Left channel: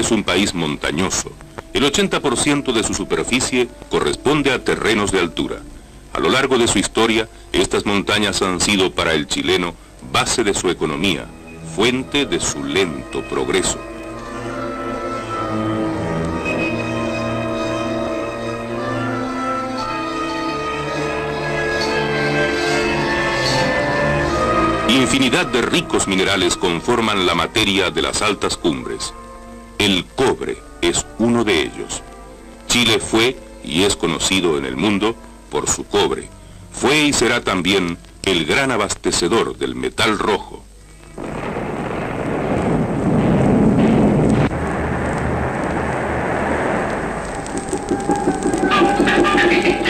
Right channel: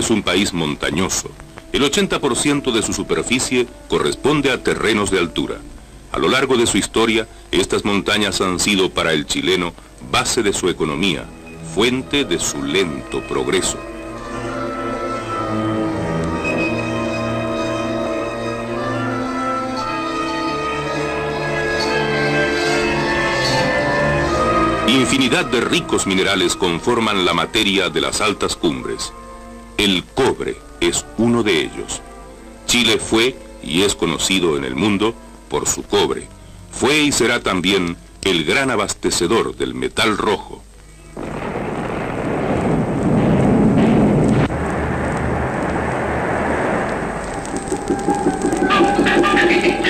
es un país montañoso. El 80% de su superficie corresponde a terrenos de altura. A lo largo de su historia, estas montañas han sido para el chileno base de su economía, fuente de su lento progreso. Infinidad de ricos minerales conforman la materia de las altas cumbres. El cobre es uno de ellos. Chile fue y es conocido en el mundo por su cobre. Fue y será también el gran abastecedor del metal rojo.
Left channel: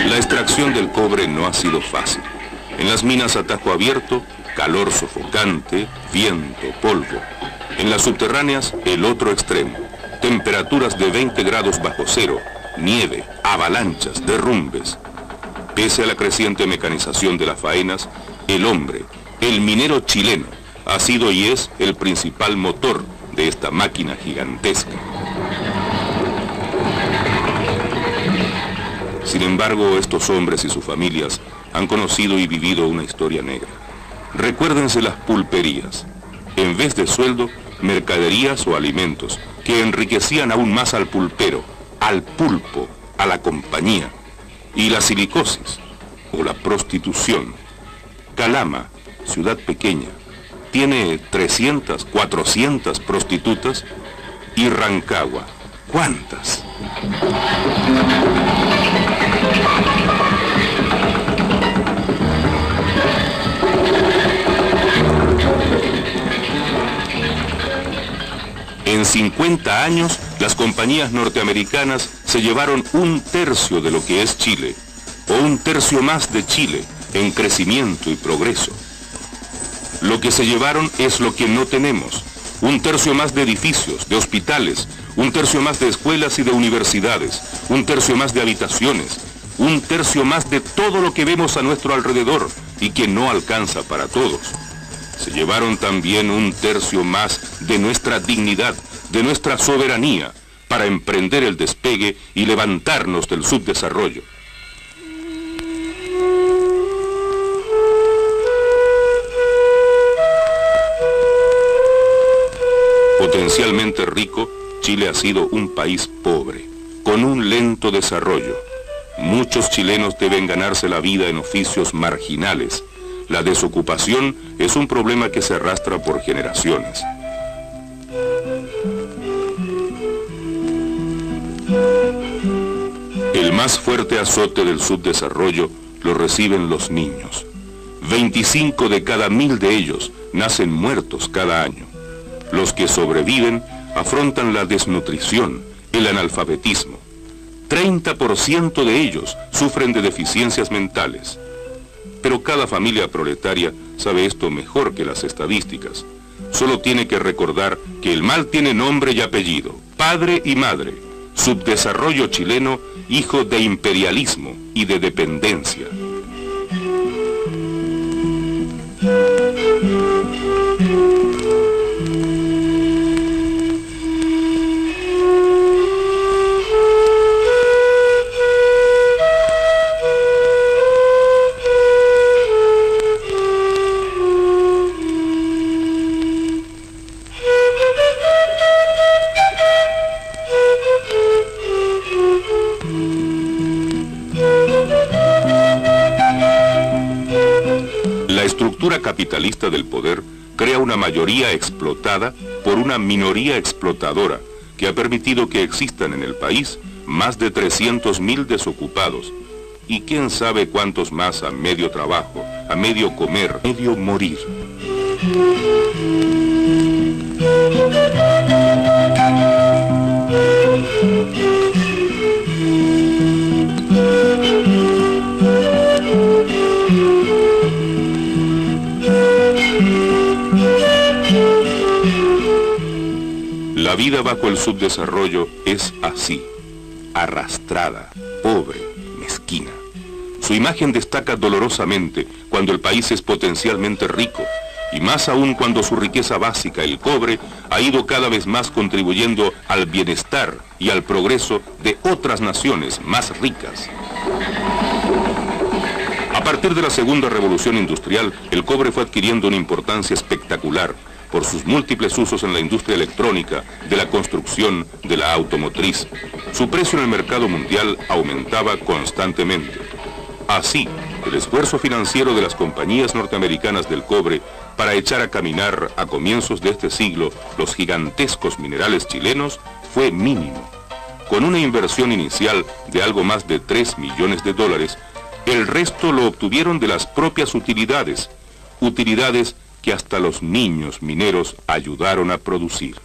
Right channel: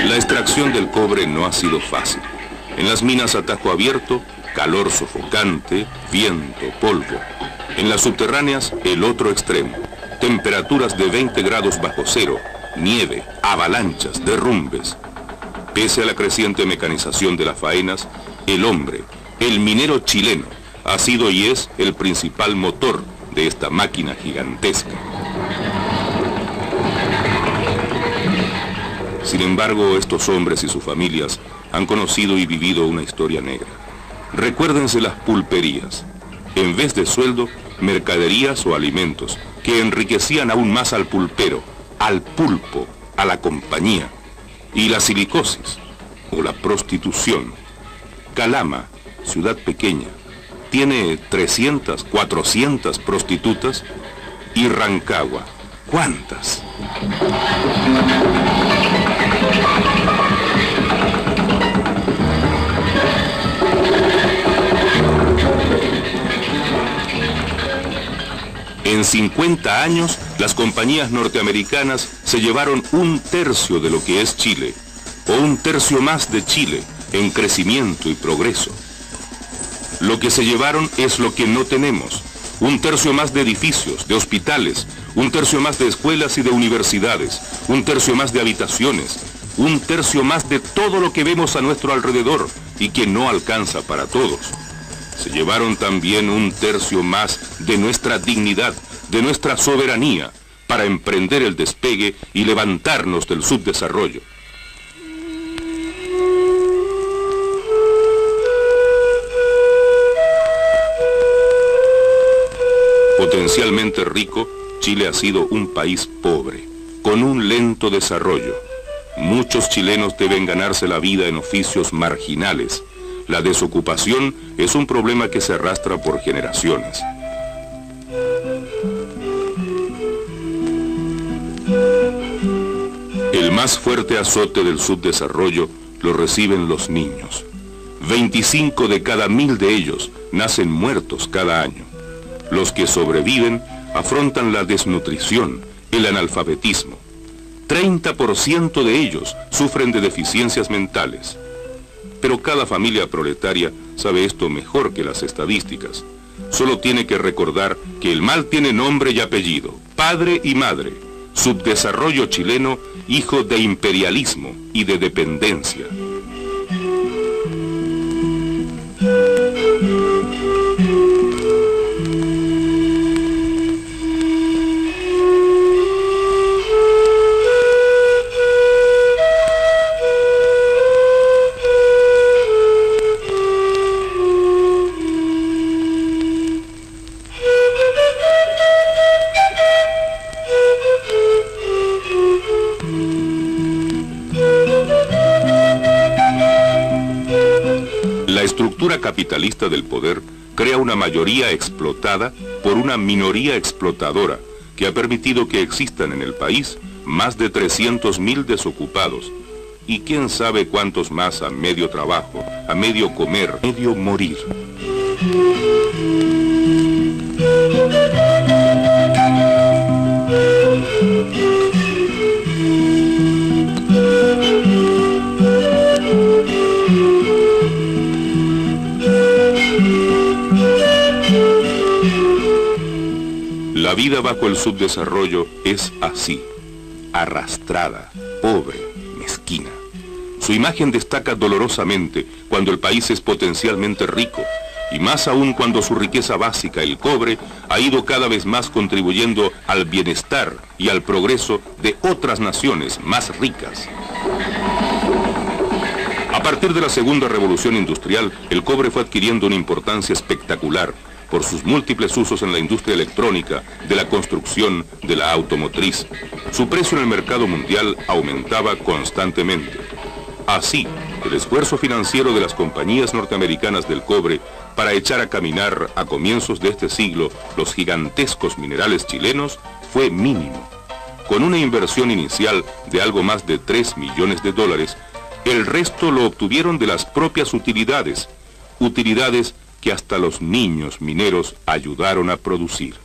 La extracción del cobre no ha sido fácil. En las minas a tajo abierto, calor sofocante, viento, polvo. En las subterráneas, el otro extremo. Temperaturas de 20 grados bajo cero, nieve, avalanchas, derrumbes. Pese a la creciente mecanización de las faenas, el hombre, el minero chileno, ha sido y es el principal motor de esta máquina gigantesca. Sin embargo, estos hombres y sus familias han conocido y vivido una historia negra. Recuérdense las pulperías. En vez de sueldo, mercaderías o alimentos que enriquecían aún más al pulpero, al pulpo, a la compañía. Y la silicosis, o la prostitución. Calama, ciudad pequeña, tiene 300, 400 prostitutas. Y Rancagua, ¿cuántas? En 50 años, las compañías norteamericanas se llevaron 1/3 de lo que es Chile, o 1/3 más de Chile, en crecimiento y progreso. Lo que se llevaron es lo que no tenemos, 1/3 más de edificios, de hospitales, 1/3 más de escuelas y de universidades, 1/3 más de habitaciones, 1/3 más de todo lo que vemos a nuestro alrededor y que no alcanza para todos. Se llevaron también 1/3 más de nuestra dignidad, de nuestra soberanía, para emprender el despegue y levantarnos del subdesarrollo. Potencialmente rico, Chile ha sido un país pobre, con un lento desarrollo. Muchos chilenos deben ganarse la vida en oficios marginales. La desocupación es un problema que se arrastra por generaciones. El más fuerte azote del subdesarrollo lo reciben los niños. 25 de cada 1000 de ellos nacen muertos cada año. Los que sobreviven afrontan la desnutrición, el analfabetismo. 30% de ellos sufren de deficiencias mentales. Pero cada familia proletaria sabe esto mejor que las estadísticas. Solo tiene que recordar que el mal tiene nombre y apellido, padre y madre. Subdesarrollo chileno, hijo de imperialismo y de dependencia. La estructura capitalista del poder crea una mayoría explotada por una minoría explotadora que ha permitido que existan en el país más de 300.000 desocupados y quién sabe cuántos más a medio trabajo, a medio comer, a medio morir. La vida bajo el subdesarrollo es así, arrastrada, pobre, mezquina. Su imagen destaca dolorosamente cuando el país es potencialmente rico, y más aún cuando su riqueza básica, el cobre, ha ido cada vez más contribuyendo al bienestar y al progreso de otras naciones más ricas. A partir de la segunda revolución industrial, el cobre fue adquiriendo una importancia espectacular por sus múltiples usos en la industria electrónica, de la construcción, de la automotriz. Su precio en el mercado mundial aumentaba constantemente. Así, el esfuerzo financiero de las compañías norteamericanas del cobre para echar a caminar a comienzos de este siglo los gigantescos minerales chilenos fue mínimo. Con una inversión inicial de algo más de $3 millones, el resto lo obtuvieron de las propias utilidades que hasta los niños mineros ayudaron a producir.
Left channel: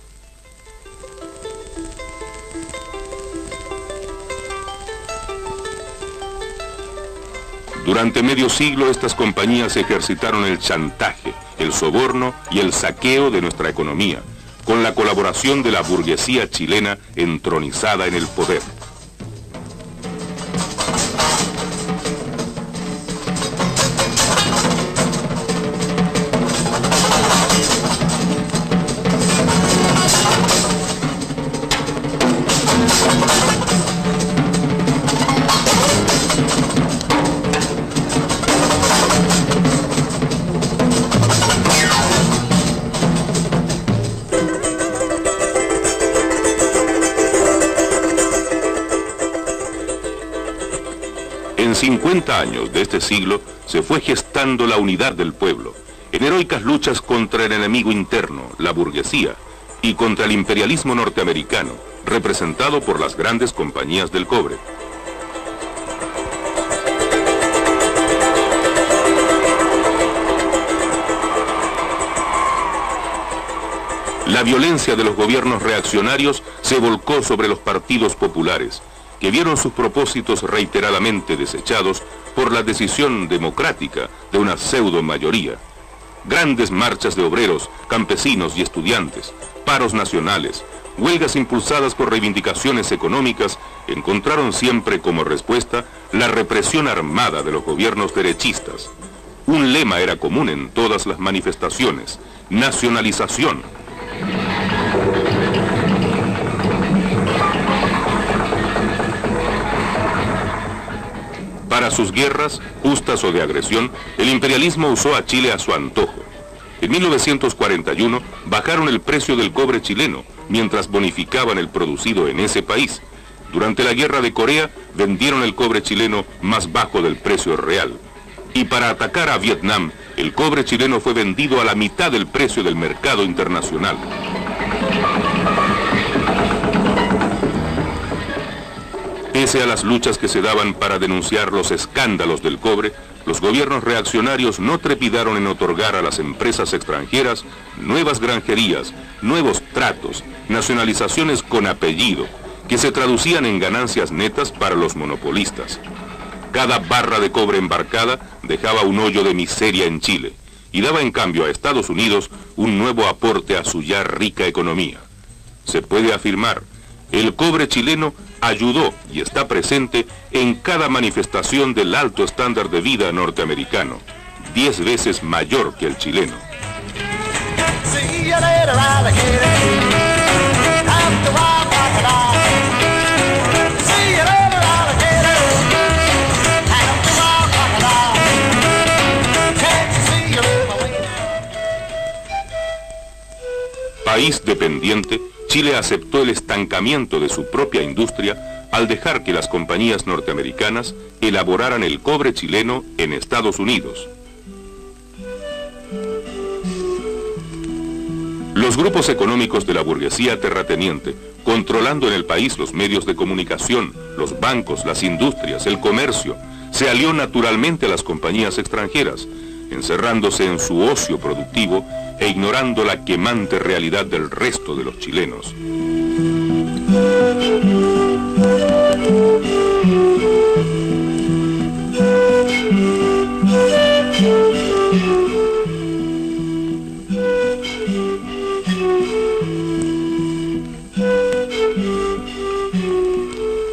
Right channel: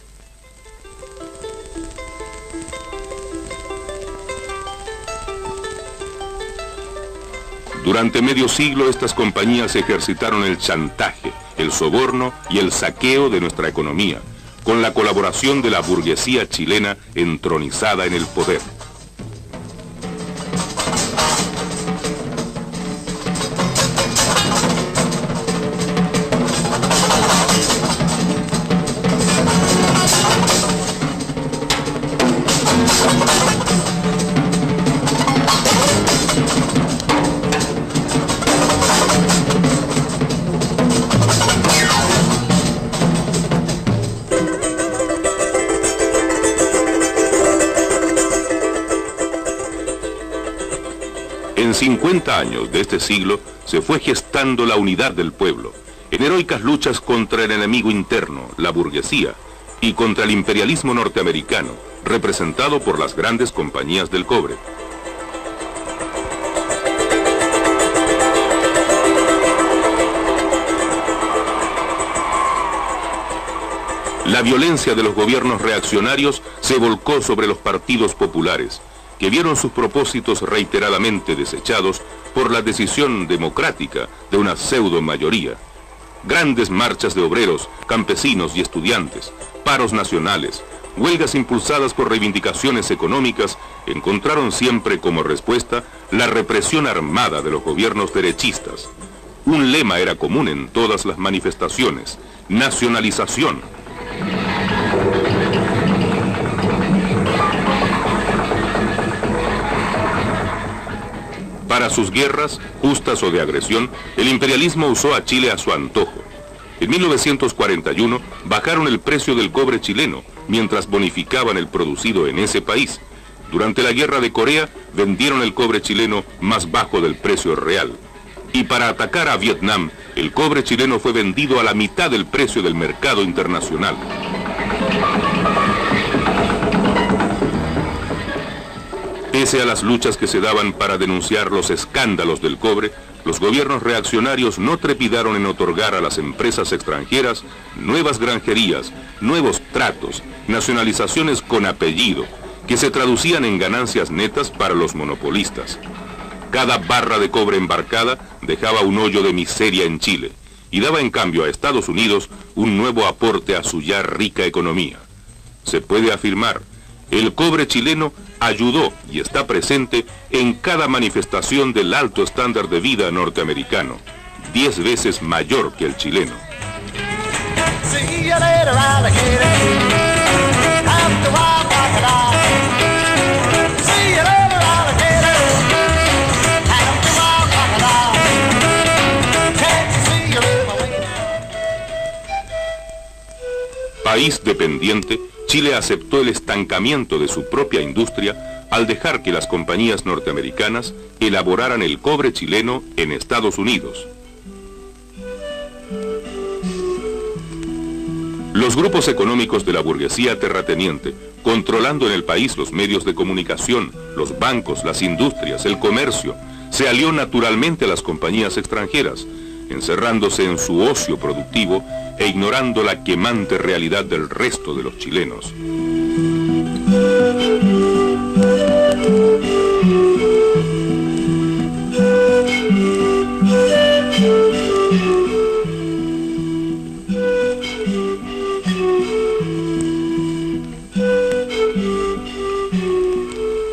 Durante medio siglo estas compañías ejercitaron el chantaje, el soborno y el saqueo de nuestra economía, con la colaboración de la burguesía chilena entronizada en el poder. En 50 años de este siglo se fue gestando la unidad del pueblo, en heroicas luchas contra el enemigo interno, la burguesía, y contra el imperialismo norteamericano, representado por las grandes compañías del cobre. La violencia de los gobiernos reaccionarios se volcó sobre los partidos populares, que vieron sus propósitos reiteradamente desechados por la decisión democrática de una pseudo mayoría. Grandes marchas de obreros, campesinos y estudiantes, paros nacionales, huelgas impulsadas por reivindicaciones económicas, encontraron siempre como respuesta la represión armada de los gobiernos derechistas. Un lema era común en todas las manifestaciones: nacionalización. Para sus guerras, justas o de agresión, el imperialismo usó a Chile a su antojo. En 1941 bajaron el precio del cobre chileno, mientras bonificaban el producido en ese país. Durante la guerra de Corea, vendieron el cobre chileno más bajo del precio real. Y para atacar a Vietnam, el cobre chileno fue vendido a la mitad del precio del mercado internacional. Pese a las luchas que se daban para denunciar los escándalos del cobre, los gobiernos reaccionarios no trepidaron en otorgar a las empresas extranjeras nuevas granjerías, nuevos tratos, nacionalizaciones con apellido, que se traducían en ganancias netas para los monopolistas. Cada barra de cobre embarcada dejaba un hoyo de miseria en Chile, y daba en cambio a Estados Unidos un nuevo aporte a su ya rica economía. Se puede afirmar: el cobre chileno ayudó y está presente en cada manifestación del alto estándar de vida norteamericano, 10 veces mayor que el chileno. País dependiente, Chile aceptó el estancamiento de su propia industria al dejar que las compañías norteamericanas elaboraran el cobre chileno en Estados Unidos. Los grupos económicos de la burguesía terrateniente, controlando en el país los medios de comunicación, los bancos, las industrias, el comercio, se alió naturalmente a las compañías extranjeras, encerrándose en su ocio productivo e ignorando la quemante realidad del resto de los chilenos.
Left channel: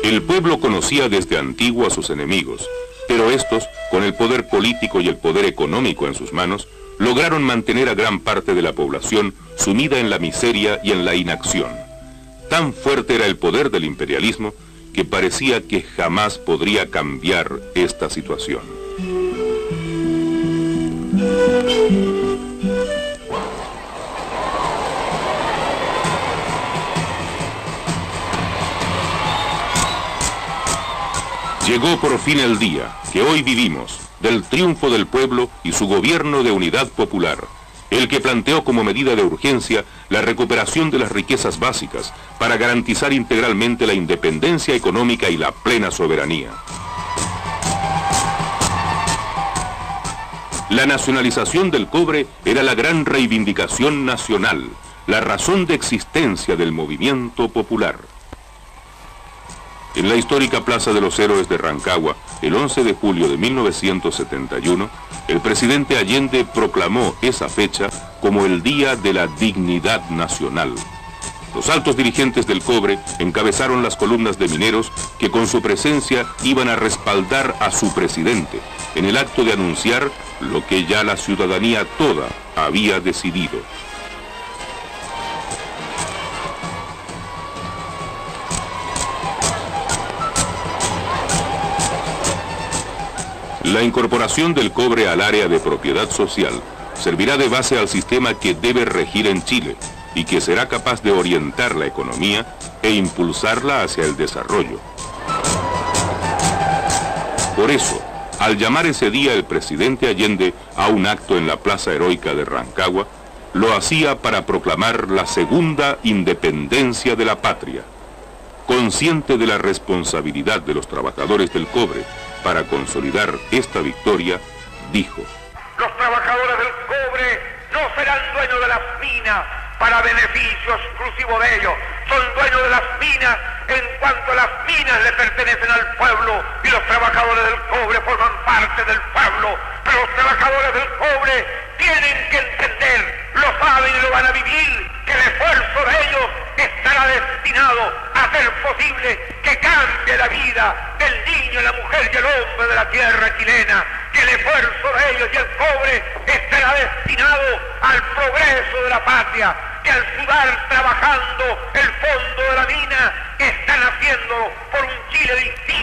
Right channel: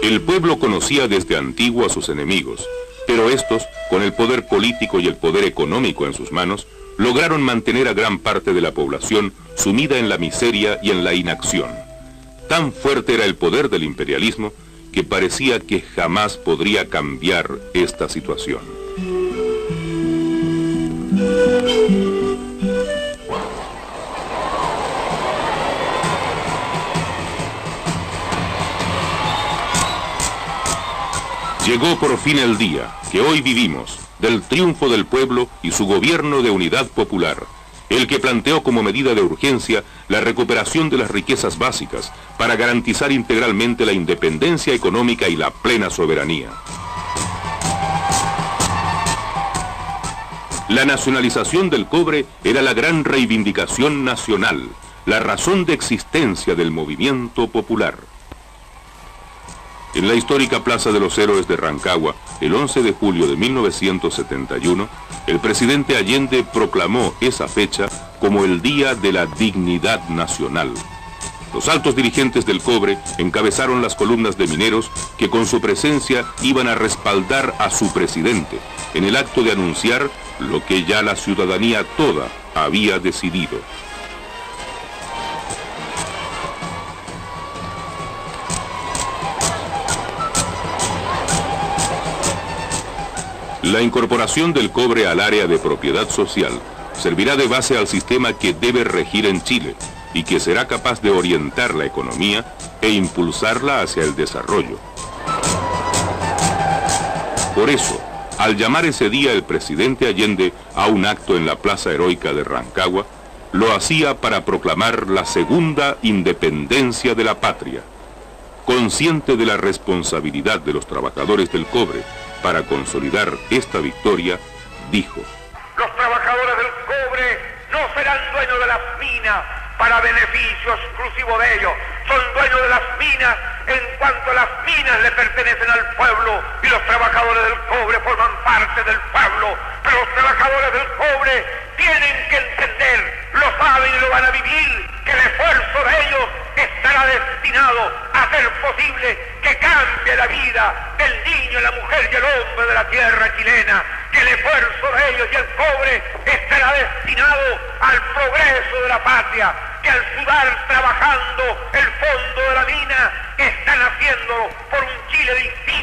El pueblo conocía desde antiguo a sus enemigos, Pero estos, con el poder político y el poder económico en sus manos, lograron mantener a gran parte de la población sumida en la miseria y en la inacción. Tan fuerte era el poder del imperialismo que parecía que jamás podría cambiar esta situación. Llegó por fin el día que hoy vivimos, del triunfo del pueblo y su gobierno de unidad popular, el que planteó como medida de urgencia la recuperación de las riquezas básicas para garantizar integralmente la independencia económica y la plena soberanía. La nacionalización del cobre era la gran reivindicación nacional, la razón de existencia del movimiento popular. En la histórica Plaza de los Héroes de Rancagua, el 11 de julio de 1971, el presidente Allende proclamó esa fecha como el Día de la Dignidad Nacional. Los altos dirigentes del cobre encabezaron las columnas de mineros que con su presencia iban a respaldar a su presidente en el acto de anunciar lo que ya la ciudadanía toda había decidido. La incorporación del cobre al área de propiedad social servirá de base al sistema que debe regir en Chile y que será capaz de orientar la economía e impulsarla hacia el desarrollo. Por eso, al llamar ese día el presidente Allende a un acto en la Plaza Heroica de Rancagua, lo hacía para proclamar la segunda independencia de la patria. Consciente de la responsabilidad de los trabajadores del cobre para consolidar esta victoria, dijo: los trabajadores del cobre no serán dueños de las minas para beneficio exclusivo de ellos. Son dueños de las minas en cuanto las minas le pertenecen al pueblo y los trabajadores del cobre forman parte del pueblo. Pero los trabajadores del cobre tienen que entender, lo saben y lo van a vivir, que el esfuerzo de ellos estará destinado a hacer posible que cambie la vida del niño, la mujer y el hombre de la tierra chilena, que el esfuerzo de ellos y el cobre estará destinado al progreso de la patria, que al sudar trabajando el fondo de la mina están haciendo por un Chile distinto.